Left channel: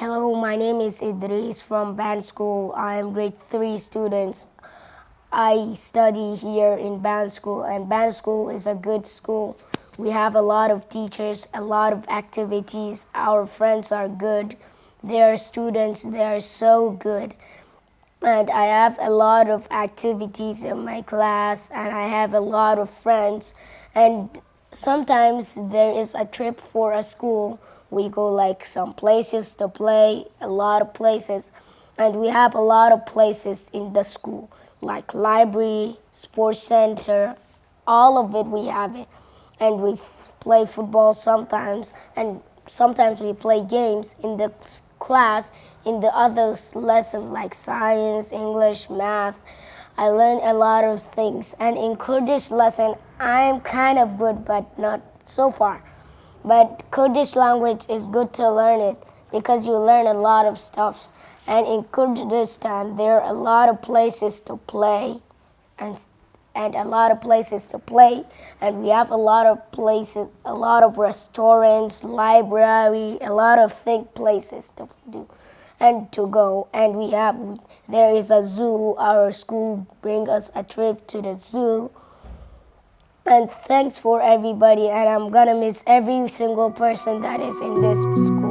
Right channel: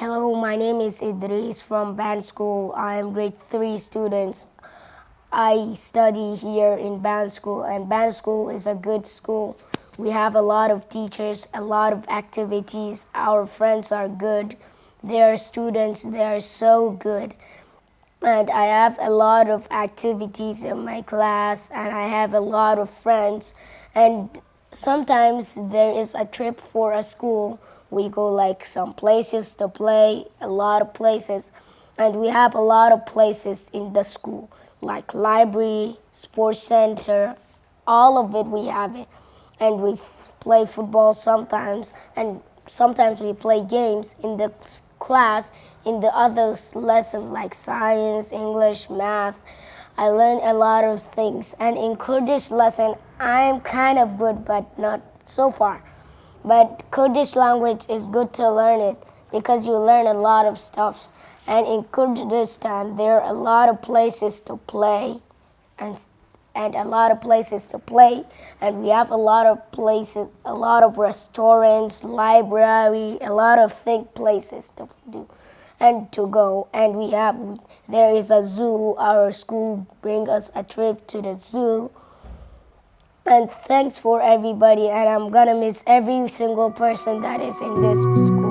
Hello, my name is Idris from Band School. I am grade 3 students. I study here in Band School, and Band School is a good school. We have a lot of teachers, a lot of activities. Our friends are good. They are students. They are so good. And I have a lot of activities in my class, and I have a lot of friends. And sometimes there is a trip for a school. We go like some places to play, a lot of places. And we have a lot of places in the school, like library, sports center, all of it we have it. And we play football sometimes, and sometimes we play games in the class, in the other lesson like science, English, math. I learn a lot of things. And in Kurdish lesson, I'm kind of good, but not so far. But Kurdish language is good to learn it because you learn a lot of stuff. And in Kurdistan, there are a lot of places to play and a lot of places to play. And we have a lot of places, a lot of restaurants, library, a lot of places to do and to go. And there is a zoo. Our school brings us a trip to the zoo. And thanks for everybody, and I'm gonna miss every single person that is in this school.